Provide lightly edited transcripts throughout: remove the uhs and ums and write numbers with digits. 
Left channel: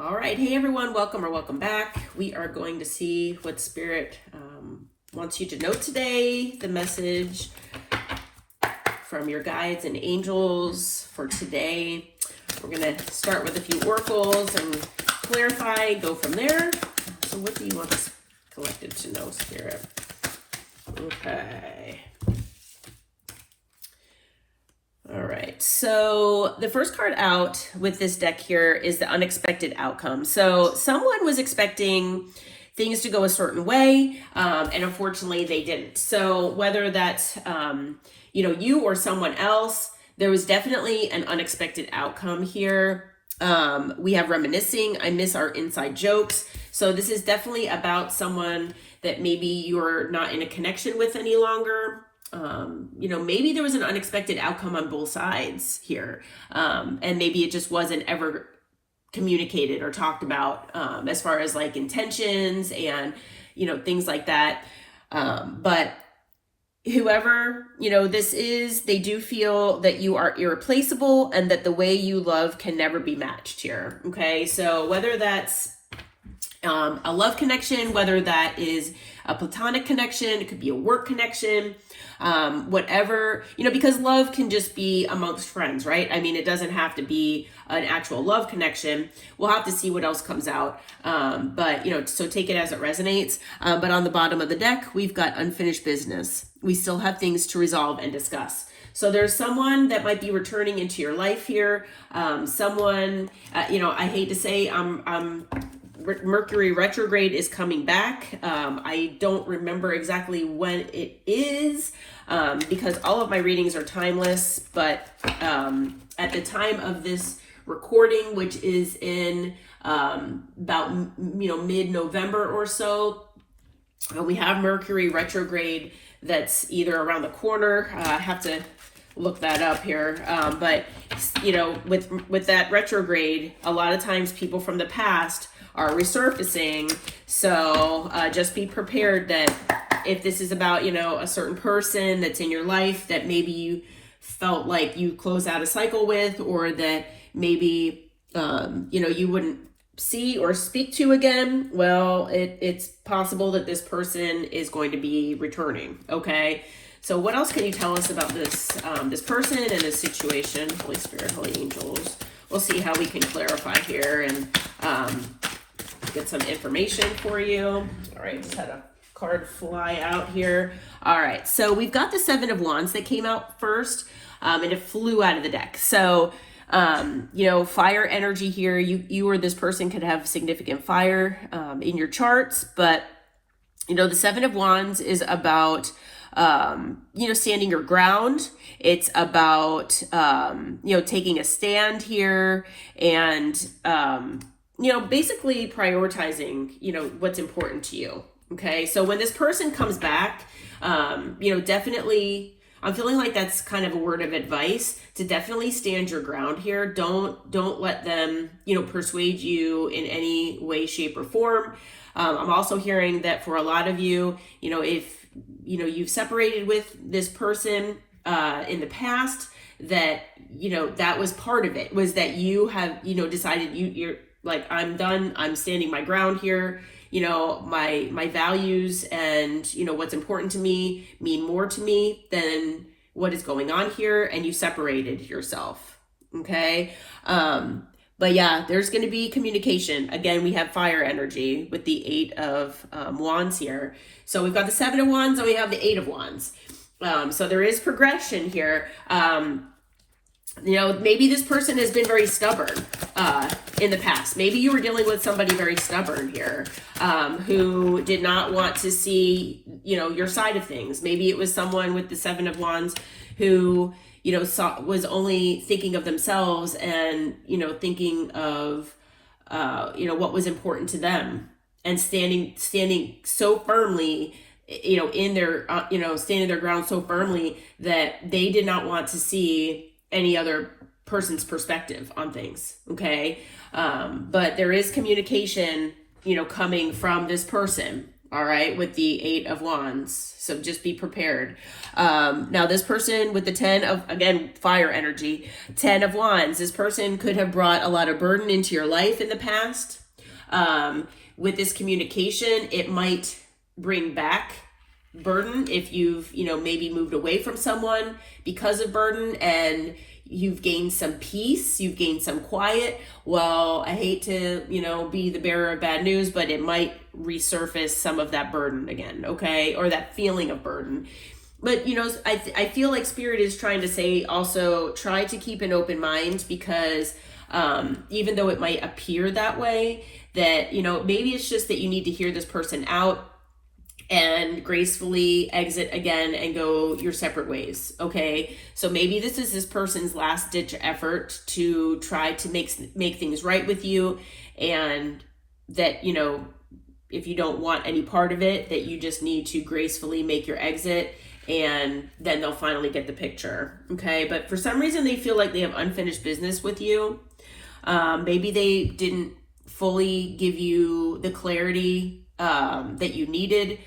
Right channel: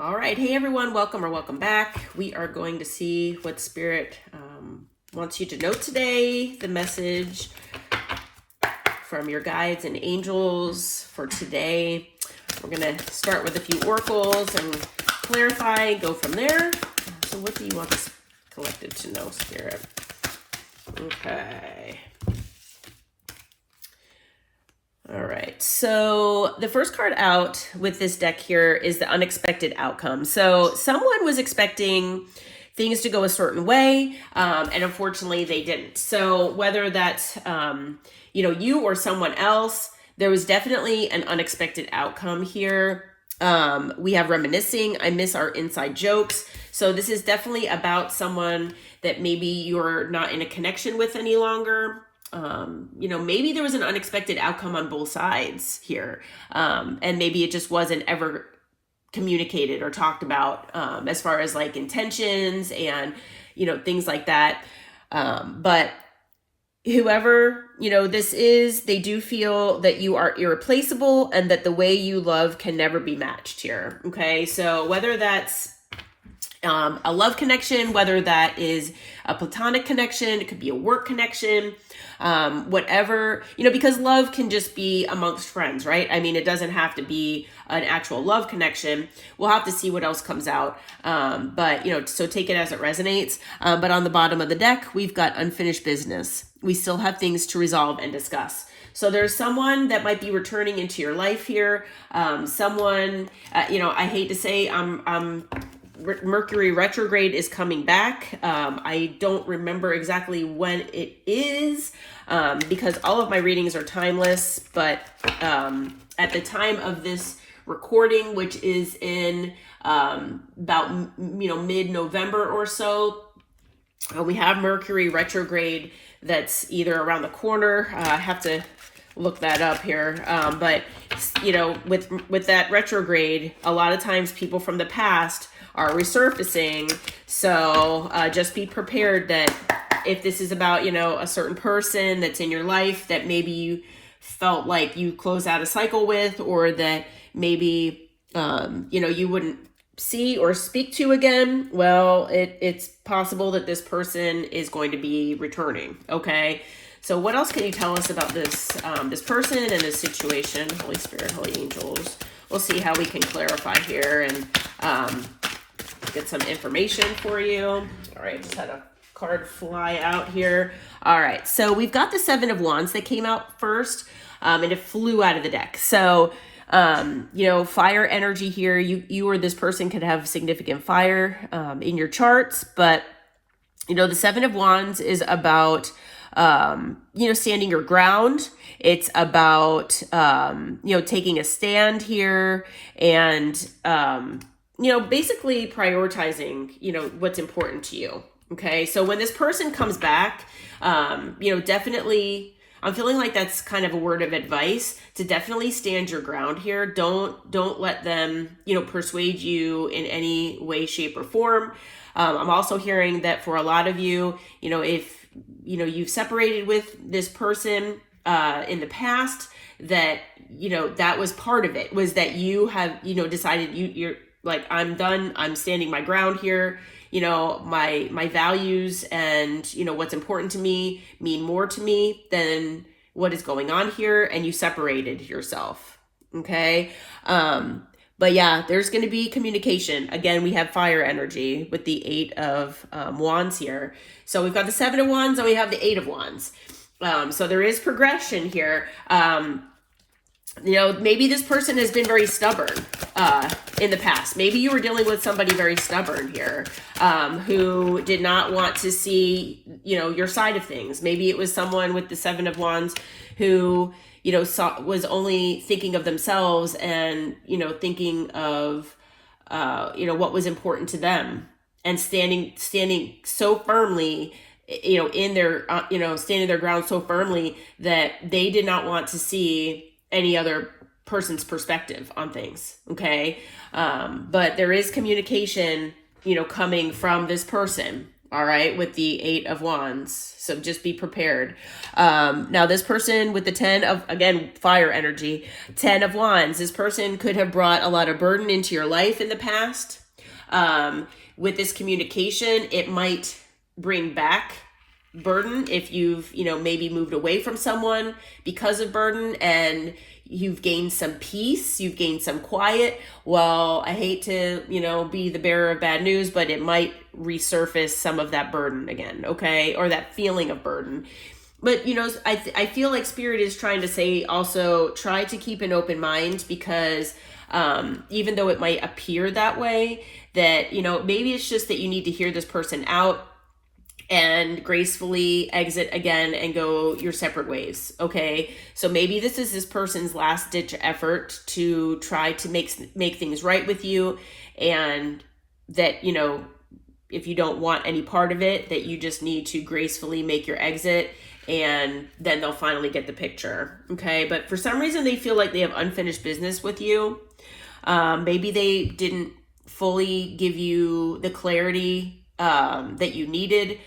All right. Hey, everyone. Welcome or welcome back. We are going to see what Spirit wants you to know today. The message from your guides and angels for today. We're going to start with a few oracles and clarify, go from there. So what do you want this collective to know, Spirit? Okay. All right, so the first card out with this deck here is the unexpected outcome. So someone was expecting things to go a certain way, and unfortunately they didn't. So whether that's, you or someone else, there was definitely an unexpected outcome here. We have reminiscing. I miss our inside jokes. So this is definitely about someone that maybe you're not in a connection with any longer. Maybe there was an unexpected outcome on both sides here. And maybe it just wasn't ever communicated or talked about, as far as like intentions and, things like that. But whoever, this is, they do feel that you are irreplaceable and that the way you love can never be matched here. Okay. So whether that's a love connection, whether that is a platonic connection, it could be a work connection, whatever, because love can just be amongst friends, right? I mean, it doesn't have to be an actual love connection. We'll have to see what else comes out. But so take it as it resonates. But on the bottom of the deck, we've got unfinished business. We still have things to resolve and discuss. So there's someone that might be returning into your life here. Someone, I hate to say Mercury retrograde is coming back. I don't remember exactly when it is, because all of my readings are timeless, but at the time of this recording, which is in about mid-November or so, we have Mercury retrograde that's either around the corner. I have to look that up here, but with that retrograde, a lot of times people from the past are resurfacing. So just be prepared that if this is about, a certain person that's in your life that maybe you felt like you close out a cycle with, or that maybe, you wouldn't see or speak to again, well, it's possible that this person is going to be returning. Okay. So what else can you tell us about this person and this situation? Holy Spirit, Holy Angels. We'll see how we can clarify here and get some information for you. All right, just had a card fly out here. All right, so we've got the Seven of Wands that came out first, and it flew out of the deck. So, fire energy here. You or this person could have significant fire in your charts, but the Seven of Wands is about standing your ground. It's about taking a stand here and basically prioritizing, what's important to you. Okay. So when this person comes back, definitely, I'm feeling like that's kind of a word of advice to definitely stand your ground here. Don't let them, persuade you in any way, shape, or form. I'm also hearing that for a lot of you, if, you've separated with this person, in the past, that, that was part of it, was that you have, decided you're like, I'm done. I'm standing my ground here. My values and, what's important to me mean more to me than what is going on here. And you separated yourself. Okay. But yeah, there's going to be communication. Again, we have fire energy with the Eight of Wands here. So we've got the Seven of Wands and we have the Eight of Wands. So there is progression here. Maybe this person has been very stubborn in the past. Maybe you were dealing with somebody very stubborn here, who did not want to see, your side of things. Maybe it was someone with the Seven of Wands who, was only thinking of themselves and, thinking of, what was important to them, and standing so firmly, in their, standing their ground so firmly that they did not want to see any other person's perspective on things. Okay. But there is communication, coming from this person. all right, with the 8 of Wands. So just be prepared. Now this person with the 10 of, again, fire energy, 10 of Wands, this person could have brought a lot of burden into your life in the past. With this communication, it might bring back burden if you've, maybe moved away from someone because of burden, and you've gained some peace, you've gained some quiet. Well, I hate to, be the bearer of bad news, but it might resurface some of that burden again, okay? Or that feeling of burden. But, I feel like Spirit is trying to say also try to keep an open mind, because even though it might appear that way, that, maybe it's just that you need to hear this person out and gracefully exit again and go your separate ways, okay? So maybe this is this person's last ditch effort to try to make things right with you, and that, if you don't want any part of it, that you just need to gracefully make your exit, and then they'll finally get the picture, okay? But for some reason, they feel like they have unfinished business with you. Maybe they didn't fully give you the clarity that you needed.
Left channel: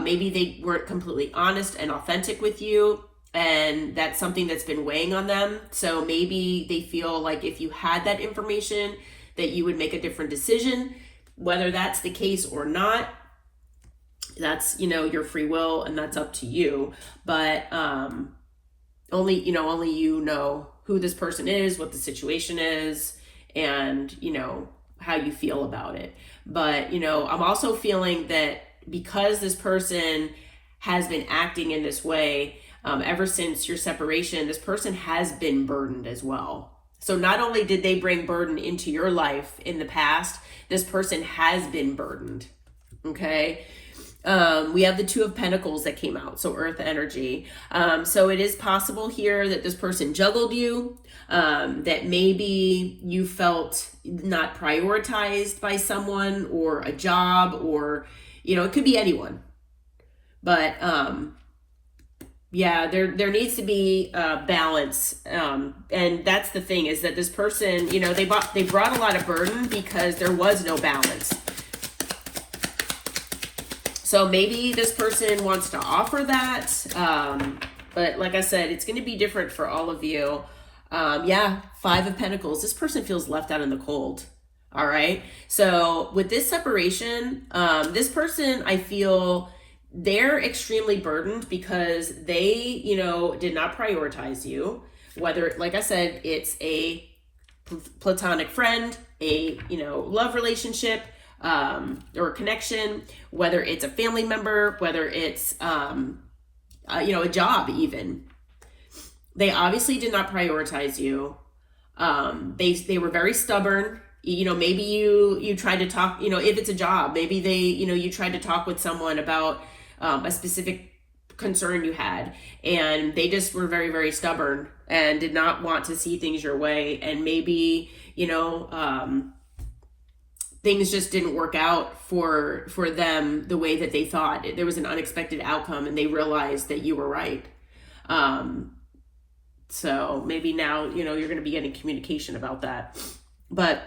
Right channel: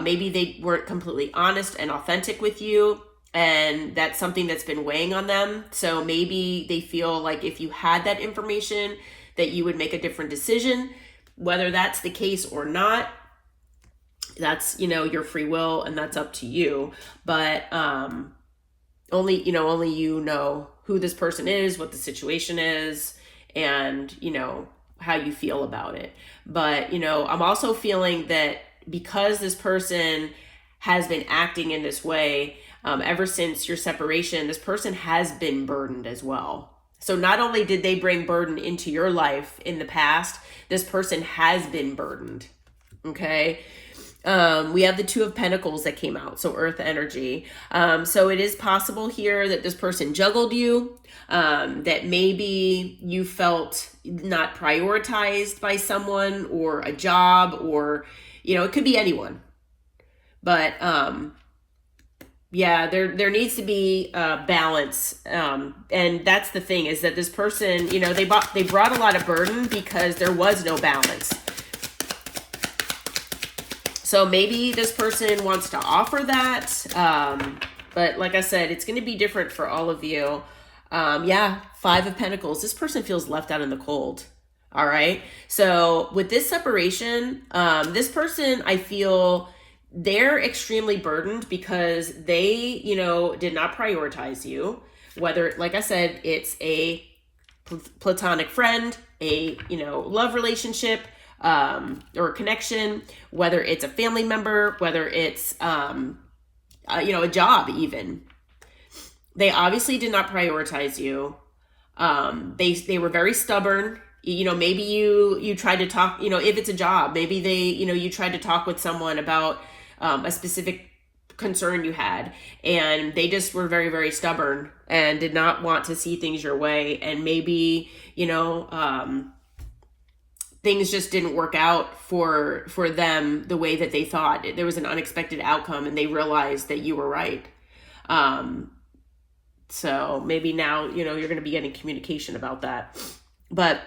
Maybe they weren't completely honest and authentic with you, and that's something that's been weighing on them. So maybe they feel like if you had that information, that you would make a different decision. Whether that's the case or not, that's, your free will, and that's up to you. But only you know who this person is, what the situation is, and how you feel about it. But I'm also feeling that because this person has been acting in this way ever since your separation, this person has been burdened as well. So not only did they bring burden into your life in the past, this person has been burdened, okay? We have the 2 of Pentacles that came out, so earth energy. So it is possible here that this person juggled you, that maybe you felt not prioritized by someone or a job, or, it could be anyone. But yeah, there needs to be balance. And that's the thing, is that this person, they brought a lot of burden because there was no balance. So maybe this person wants to offer that. But like I said, it's going to be different for all of you. Yeah, 5 of Pentacles. This person feels left out in the cold. All right. So with this separation, this person, I feel they're extremely burdened because they, did not prioritize you. Whether, like I said, it's a platonic friend, a, love relationship, or a connection, whether it's a family member, whether it's, a job even. They obviously did not prioritize you. They were very stubborn. Maybe you tried to talk, if it's a job, maybe they, you tried to talk with someone about a specific concern you had, and they just were very, very stubborn and did not want to see things your way. And maybe, things just didn't work out for them the way that they thought. There was an unexpected outcome, and they realized that you were right. So maybe now, you're going to be getting communication about that. But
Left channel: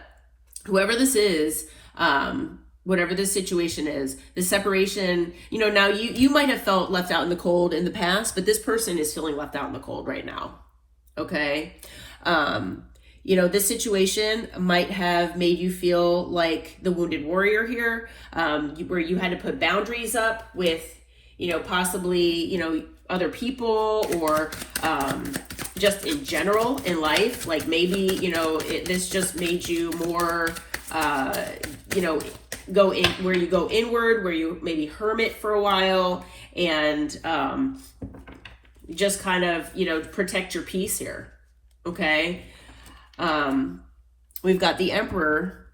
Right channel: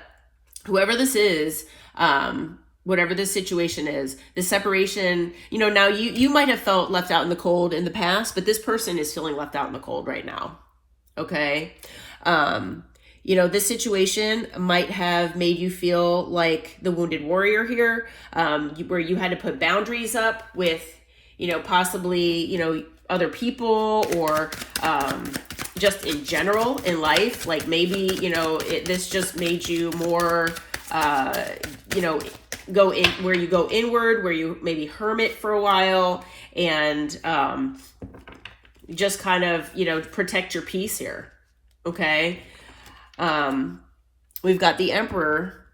whoever this is, whatever this situation is, the separation, now you might have felt left out in the cold in the past, but this person is feeling left out in the cold right now. Okay. This situation might have made you feel like the wounded warrior here, where you had to put boundaries up with, possibly, other people, or just in general in life. Like maybe, this just made you more, go in where you go inward, where you maybe hermit for a while, and just kind of, protect your peace here. Okay. We've got the Emperor.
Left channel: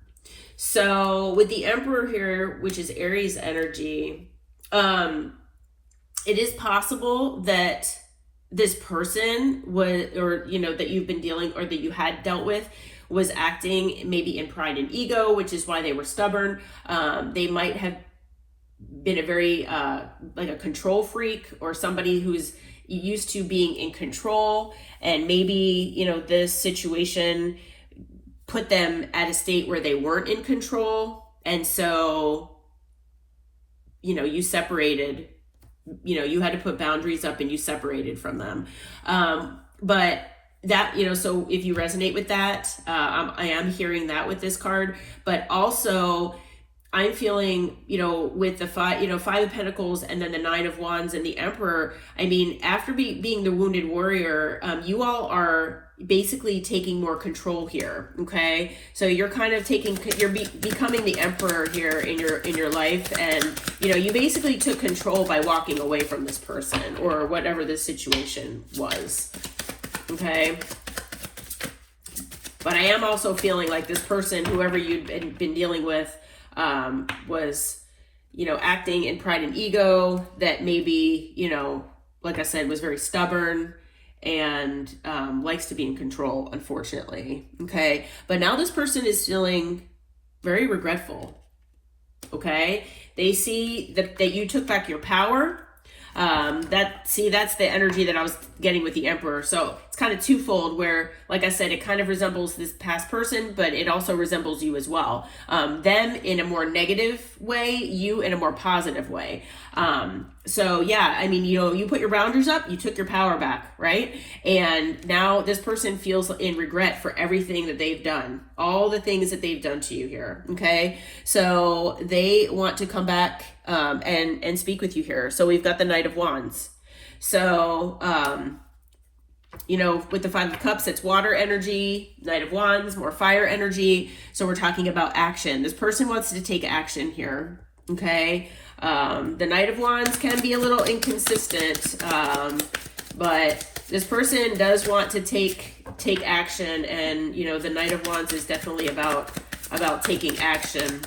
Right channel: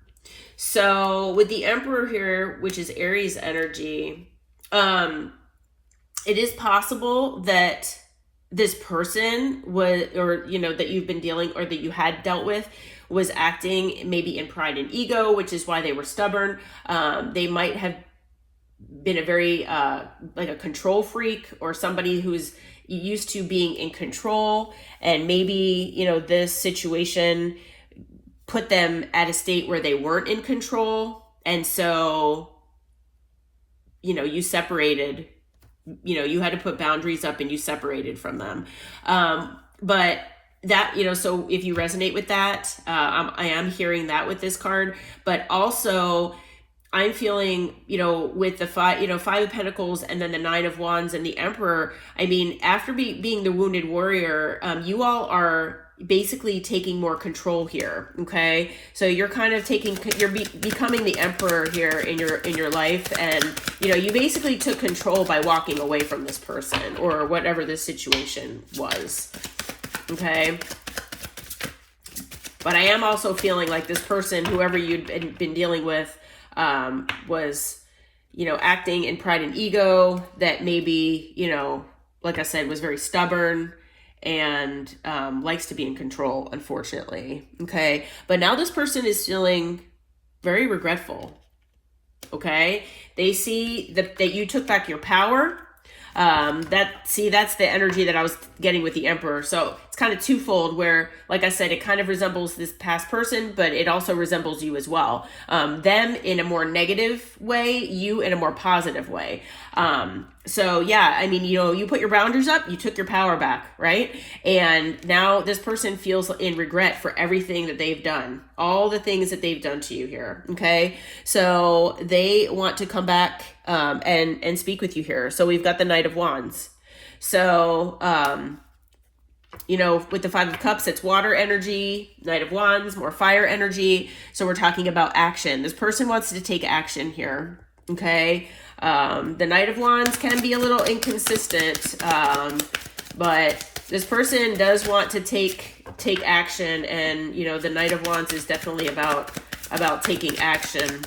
So with the Emperor here, which is Aries energy, it is possible that this person was, or, that you've been dealing, or that you had dealt with, was acting maybe in pride and ego, which is why they were stubborn. They might have been a very, like a control freak, or somebody who's used to being in control. And maybe, this situation put them at a state where they weren't in control. And so you separated, you had to put boundaries up and you separated from them. But that, so if you resonate with that, I am hearing that with this card, but also I'm feeling, with the Five of Pentacles and then the Nine of Wands and the Emperor. I mean, after being the wounded warrior, you all are basically taking more control here. Okay, so you're kind of becoming the emperor here in your life, and you basically took control by walking away from this person or whatever this situation was. Okay. But I am also feeling like this person, whoever you'd been dealing with, was, acting in pride and ego, that maybe, like I said, was very stubborn and likes to be in control, unfortunately. Okay. But now this person is feeling very regretful. Okay. They see that you took back your power. That's the energy that I was getting with the Emperor. So it's kind of twofold, where, like I said, it kind of resembles this past person, but it also resembles you as well. Them in a more negative way, you in a more positive way. So yeah, I mean, you put your boundaries up, you took your power back, right? And now this person feels in regret for everything that they've done, all the things that they've done to you here. Okay. So they want to come back, and speak with you here. So we've got the Knight of Wands. So, with the Five of Cups, it's water energy. Knight of Wands, more fire energy. So we're talking about action. This person wants to take action here. Okay. The Knight of Wands can be a little inconsistent, but this person does want to take action, and the Knight of Wands is definitely about taking action.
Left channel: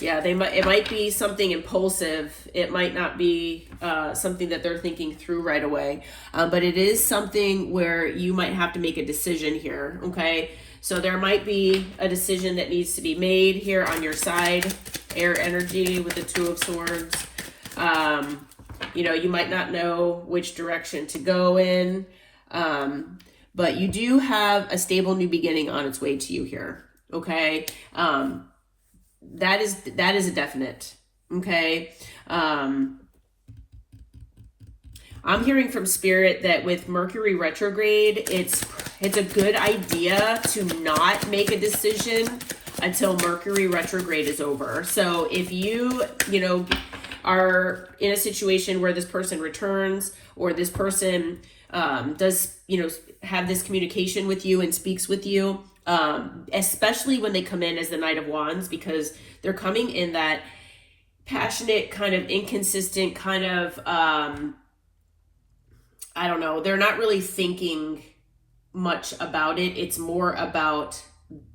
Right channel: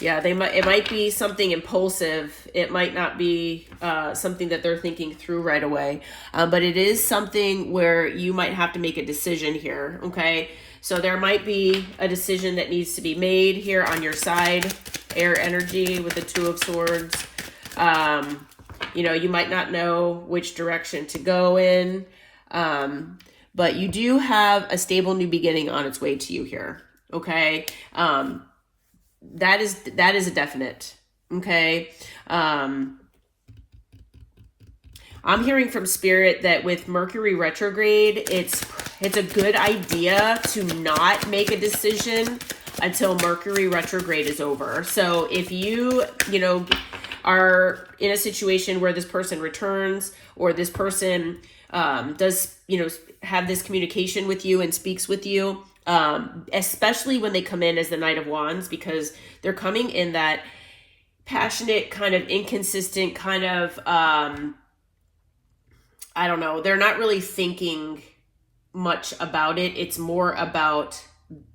Yeah, it might be something impulsive. It might not be something that they're thinking through right away, but it is something where you might have to make a decision here. Okay, so there might be a decision that needs to be made here on your side. Air energy with the Two of Swords. You might not know which direction to go in, but you do have a stable new beginning on its way to you here. Okay. That is a definite. Okay. I'm hearing from Spirit that with Mercury retrograde, it's a good idea to not make a decision until Mercury retrograde is over. So if you are in a situation where this person returns, or this person does have this communication with you and speaks with you, especially when they come in as the Knight of Wands, because they're coming in that passionate, kind of inconsistent, kind of I don't know, they're not really thinking much about it. It's more about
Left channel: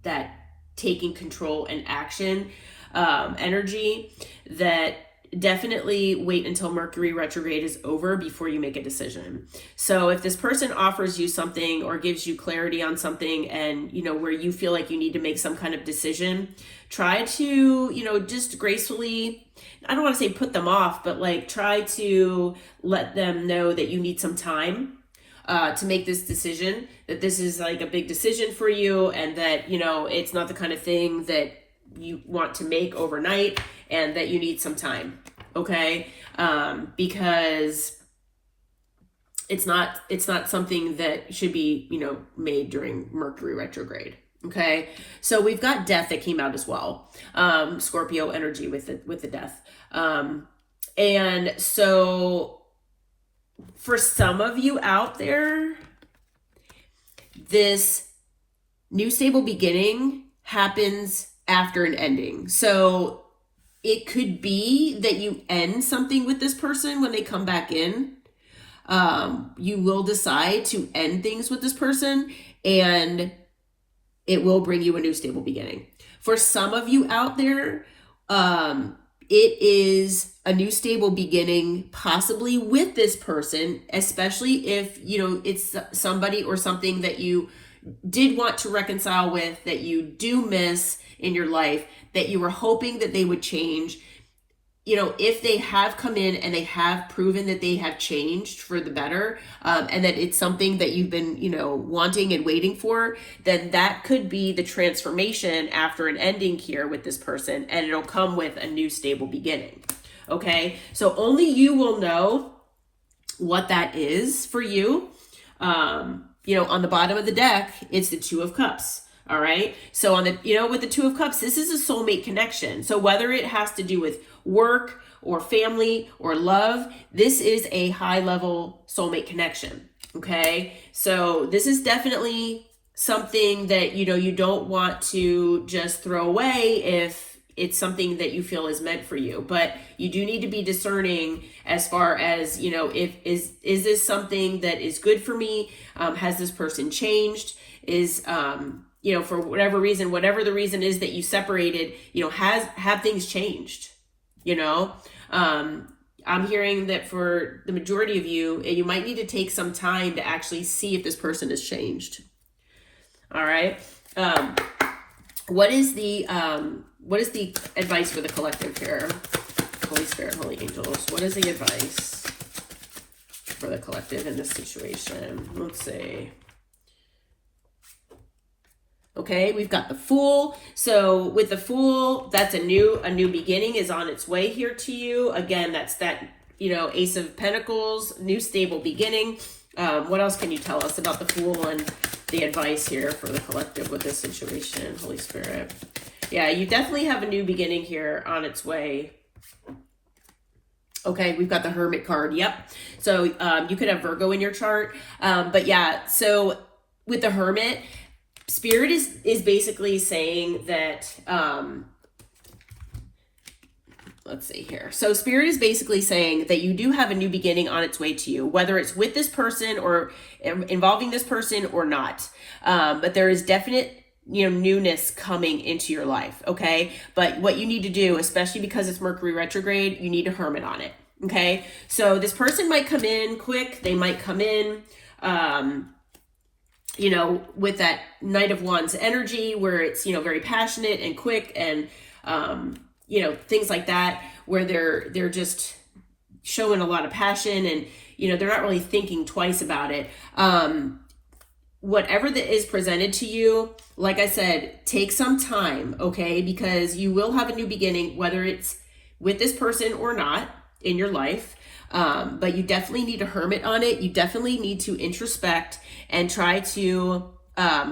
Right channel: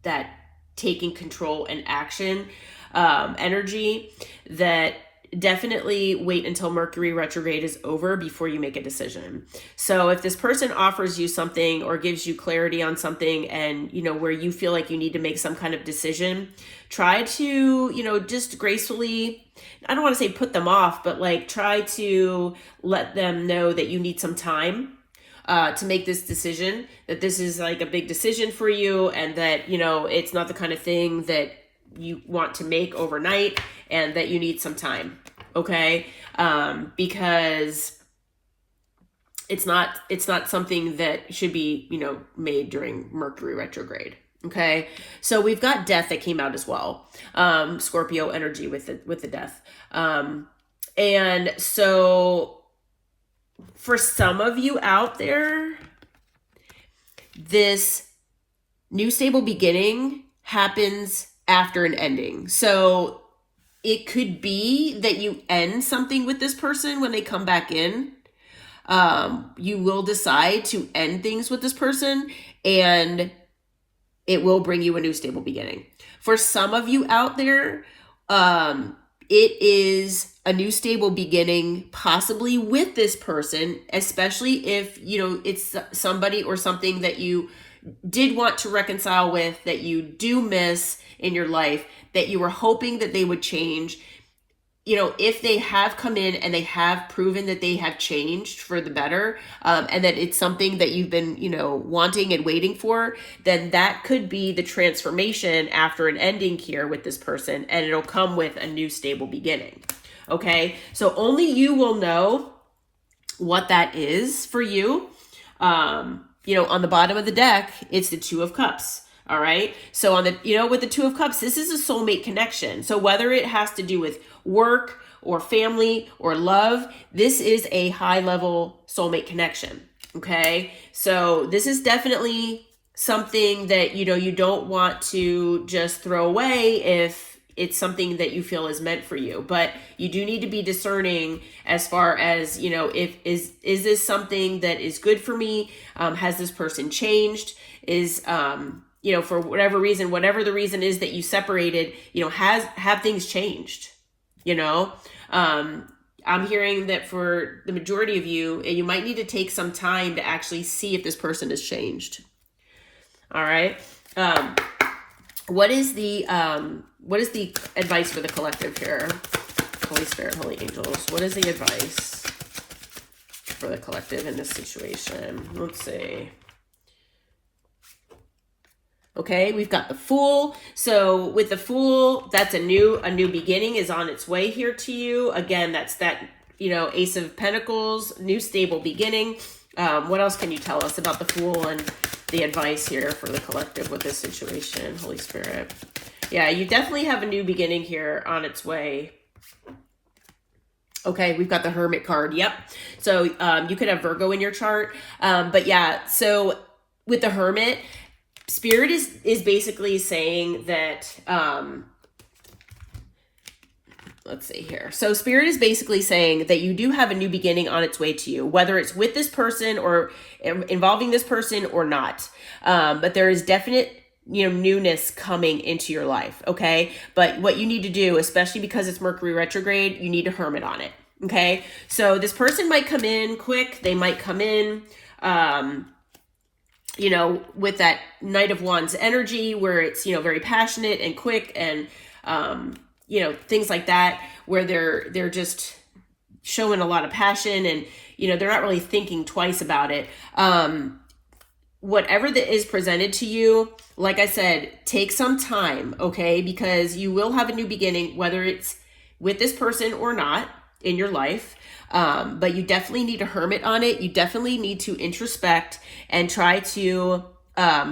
that taking control and action energy. That definitely wait until Mercury retrograde is over before you make a decision. So if this person offers you something or gives you clarity on something, and where you feel like you need to make some kind of decision, try to just gracefully, I don't want to say put them off, but try to let them know that you need some time to make this decision, that this is a big decision for you, and that it's not the kind of thing that you want to make overnight, and that you need some time. Okay. Because it's not something that should be, made during Mercury retrograde. Okay. So we've got Death that came out as well. Scorpio energy with the Death. And so for some of you out there, this new stable beginning happens after an ending. So it could be that you end something with this person when they come back in. You will decide to end things with this person, and it will bring you a new stable beginning. For some of you out there, it is a new stable beginning, possibly with this person, especially if, it's somebody or something that you did want to reconcile with, that you do miss in your life, that you were hoping that they would change. if they have come in and they have proven that they have changed for the better, and that it's something that you've been, wanting and waiting for, then that could be the transformation after an ending here with this person, and it'll come with a new stable beginning. Okay, so only you will know what that is for you. On the bottom of the deck, it's the Two of Cups. All right. So on the, with the Two of Cups, this is a soulmate connection. So whether it has to do with work or family or love, this is a high level soulmate connection. Okay. So this is definitely something that, you don't want to just throw away if it's something that you feel is meant for you. But you do need to be discerning as far as, if is this something that is good for me? Has this person changed? Is, for whatever reason, whatever the reason is that you separated, have things changed, I'm hearing that for the majority of you, you might need to take some time to actually see if this person has changed. All right. What is the advice for the collective here? Holy Spirit, Holy Angels, what is the advice for the collective in this situation? Let's see. Okay, we've got the Fool. So with the Fool, that's a new beginning is on its way here to you. Again, that's that, Ace of Pentacles, new stable beginning. What else can you tell us about the Fool and the advice here for the collective with this situation, Holy Spirit? Yeah, you definitely have a new beginning here on its way. Okay, we've got the Hermit card. Yep. So you could have Virgo in your chart. But yeah, so with the Hermit, Spirit is basically saying that, let's see here. So Spirit is basically saying that you do have a new beginning on its way to you, whether it's with this person or involving this person or not. But there is definite, newness coming into your life. Okay. But what you need to do, especially because it's Mercury retrograde, you need to hermit on it. Okay. So this person might come in quick. They might come in, with that Knight of Wands energy where it's, very passionate and quick and, things like that, where they're just showing a lot of passion and, they're not really thinking twice about it. Whatever that is presented to you, like I said, take some time, okay? Because you will have a new beginning, whether it's with this person or not in your life. But you definitely need to hermit on it. You definitely need to introspect and try to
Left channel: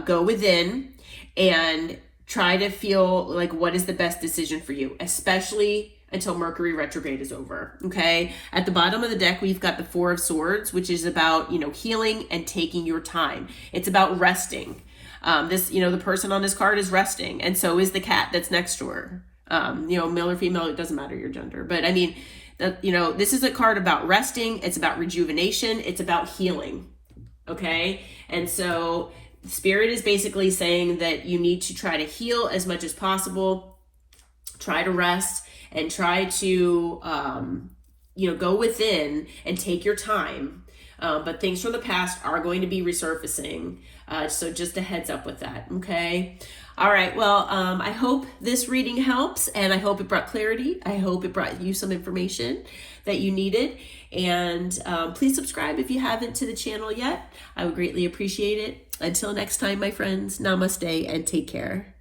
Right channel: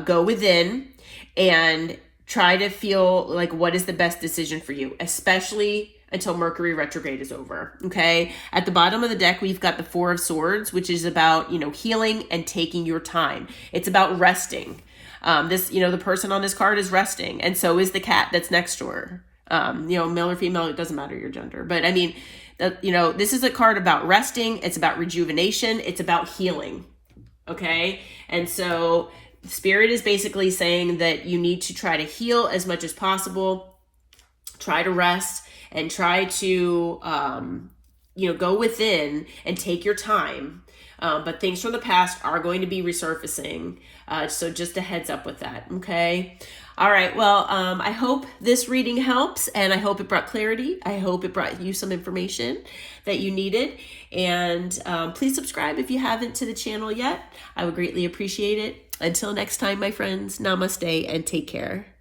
go within and try to feel like what is the best decision for you, especially until Mercury retrograde is over. Okay. At the bottom of the deck, we've got the Four of Swords, which is about, healing and taking your time. It's about resting. The person on this card is resting, and so is the cat that's next to her. Male or female, it doesn't matter your gender, but I mean, this is a card about resting. It's about rejuvenation. It's about healing. Okay. And so Spirit is basically saying that you need to try to heal as much as possible, try to rest, and try to, go within and take your time. But things from the past are going to be resurfacing. So just a heads up with that. Okay. All right. Well, I hope this reading helps, and I hope it brought clarity. I hope it brought you some information that you needed. And please subscribe if you haven't to the channel yet. I would greatly appreciate it. Until next time, my friends, namaste and take care.